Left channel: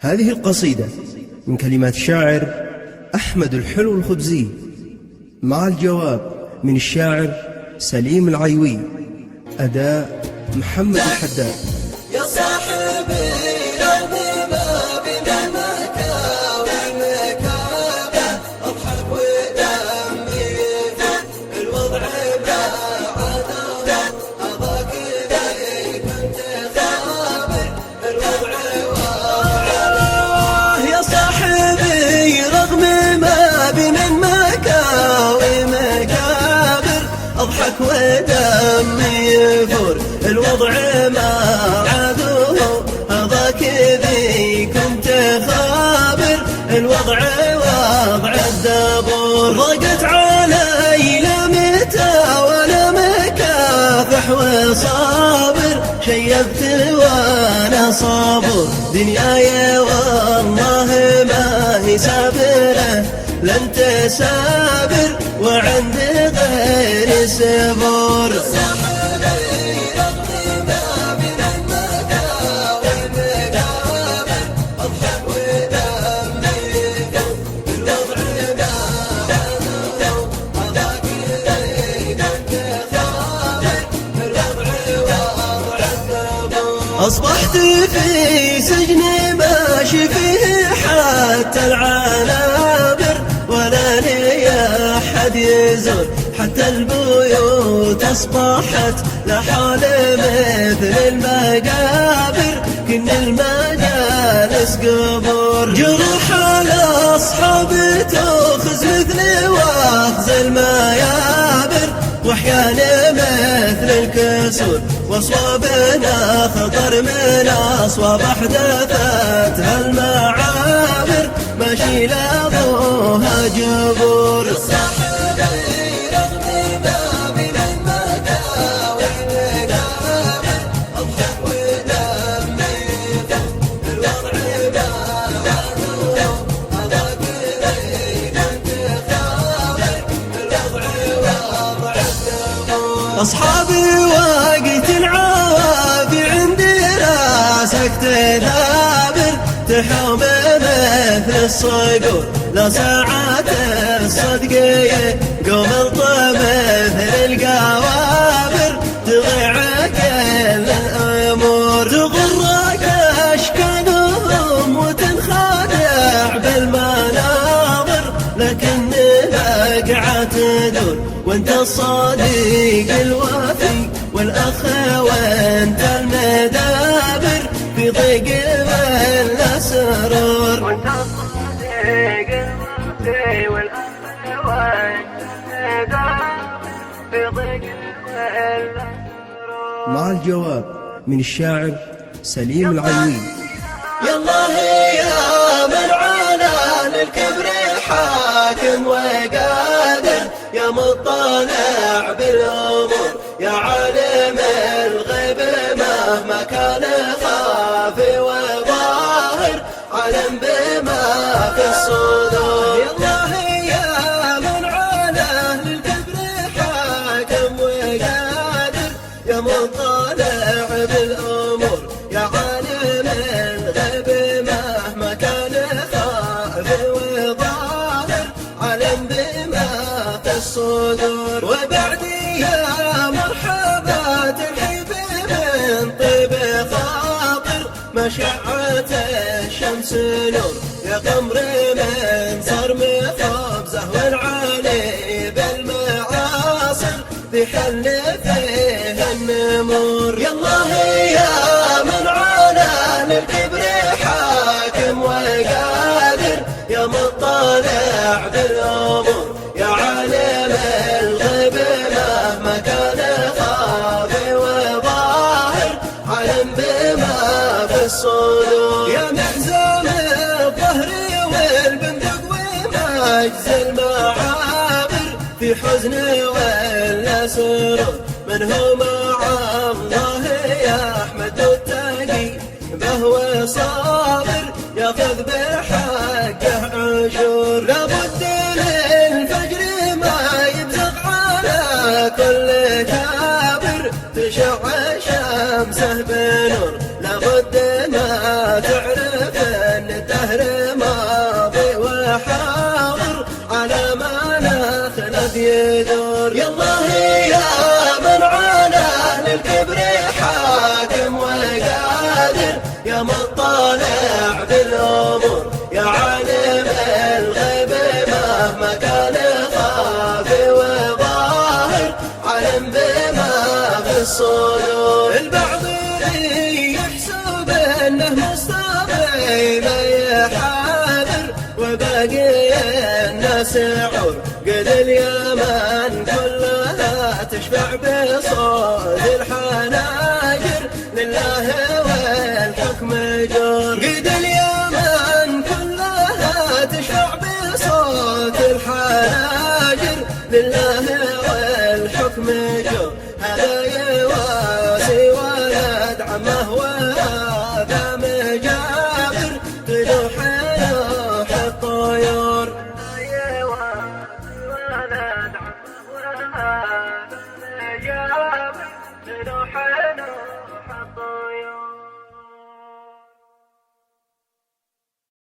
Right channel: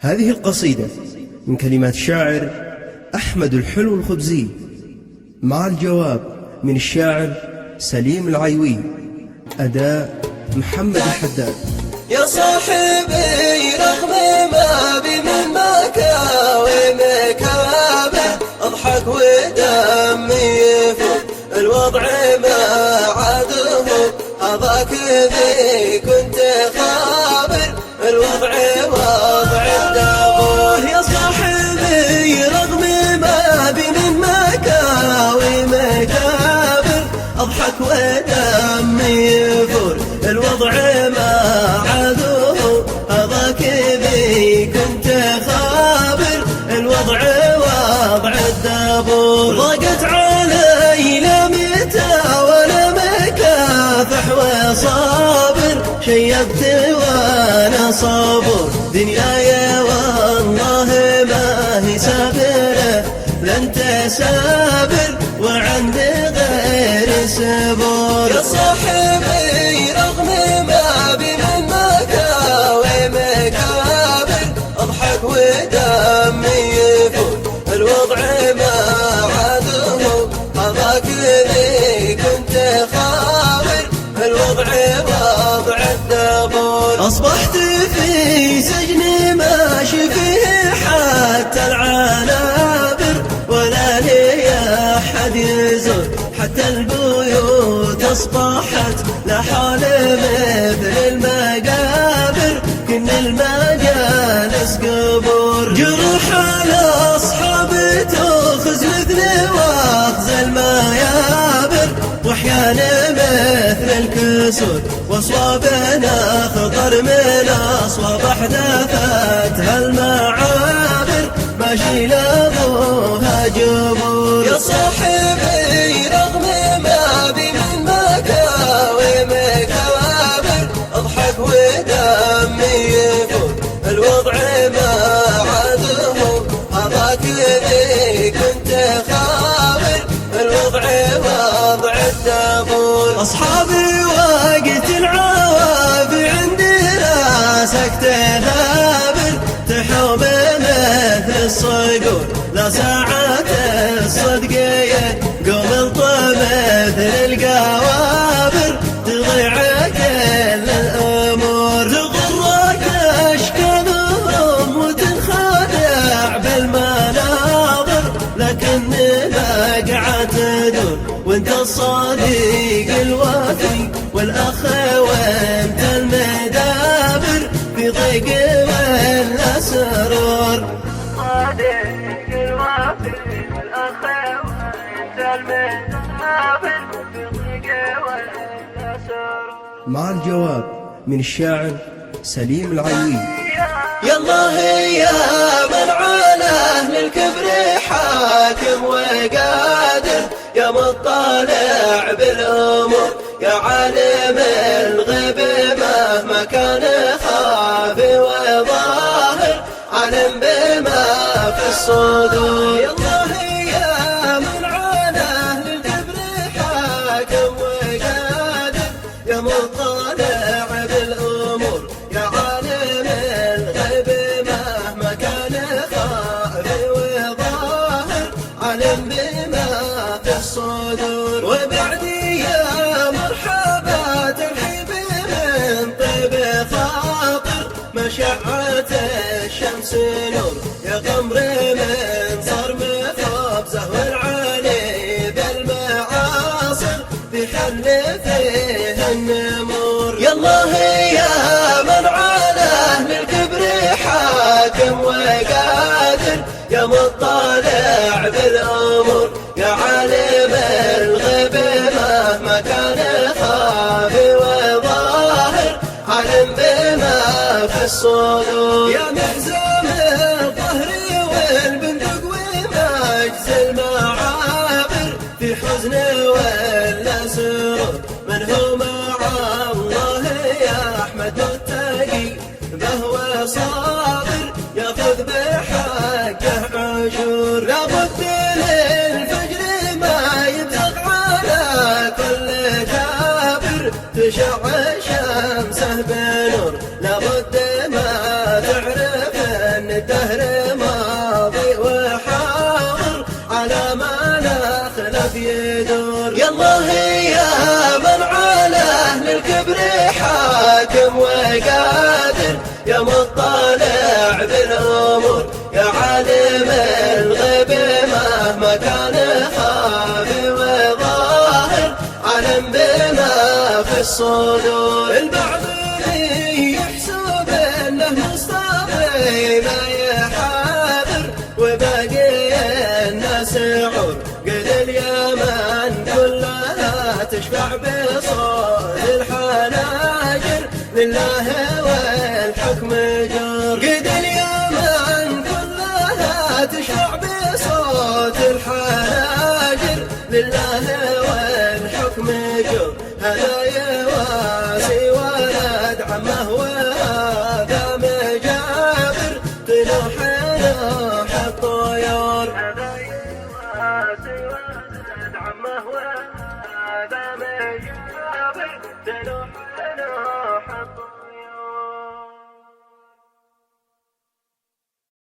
هذه القصيدة من كلمات الشاعر أحمد الحلو الخبزي، مع الجواب من الشاعر سليم العيوي، أداء محمد الحداد. يا صاحبي رغم ما بي من مكاوي مكابر، اضحك ودمي يفور الوضع ما عاده هذاك ذي كنت خابر، الوضع وضع يا صاحبي رغم ما بي من مكاوي مكابر، اضحك ودمي يفور الوضع ما عادوه هذاك ذي كنت خابر، الوضع وضع الدبور. ضاقت علي لمتى وانا مكافح وصابر، شيبت وانا صابر دنياي والله ما هي سابره، لن تسابر وعند غير سبور. صاحبي رغم ما بي من مكاوي مكابر، اضحك ودمي يفور الوضع ما عاده هذاك ذي كنت خابر، الوضع وضع الدبور. اصبحت في سجن ماشي فيه حتى العنابر، ولا لي أحد يزور حتى البيوت أصبحت لحال مثل المقابر، كن المجالس قبور. جروح الأصحاب تأخذ مثل وأخذ الميابر، وأحيانا مثل الكسور، وأصوابنا خطر من أصواب أحداثتها المعابر، ماشي لابوها جبور. يا صاحبي رغم ما بي من مكاوي مكابر، اضحك ودمي يفور الوضع ما عاده هذاك ذي كنت خابر، الوضع وضع الدبور. اصحابي وقت العوافي عندي راسك تثابر، تحوم مثل الصقور لا ساعات الصدقية، قوم الطب مثل القوابر، تضيع كل الأمور. تغرك أشكالهم وتنخادع بالمناظر، لكن بقعة تدور وانت الصديق الوفي والأخ وانت المدابر، في ضيق ولا سرور. وانت الصديق الوفي والأخ وانت المدابر، في ضيق ولا سرور. مع الجواب من الشاعر سليم العيوي. يا الله يا من على للكبر حاكم وقادر، يا مطلع بالأمور، يا عالم الغيب مهما كان خافي وظاهر، عالم بما في الصدور. يا الله يا من على للكبر حاكم وقادر، يا مطلع بالأمور، يا عالم الغيب مهما كان خافي وظاهر، عالم بما في الصدور. وبعدي يا مرحبا ترحيب من طيب خاطر، مشعة الشمس نور يا قمر من صرم خبزه، والعالي بالمعاصر في حل فيه النمور. يا الله يا من على أهل الكبر حاكم وقادر، يا مطلع بالأمور، يا عالم الغيب مهما كان خافي وظاهر، عالم بما في الصدور. يا محزام الظهر والبندق ومجز المعابر، في حزن ولا سرور، من هو مع الله يا أحمد متقي بهو صابر، ياخذ بحقه عشور. لابد للفجر ما يبزغ على كل كابر، تشع شمسه بنور، لابد ما تعرف ان الدهر ماضي وحاضر على ما لا خلف يدور. يالله يا من على أهل الكبر حاكم وقادر، يا مطلع بالأمور يا عالم الغيب مهما كان خافي وظاهر، علم بما في الصدور. البعض يحسب انه مصطفى ما يحاذر، وباقي الناس عور قد اليمن كلها تشفع بصوت الحناجر، لله والحكم جور. قد اليمن كلها تشفع بصوت الحناجر، لله والحكم جور. هذا يواسي ولد عمه وهذا مجابر، تلوح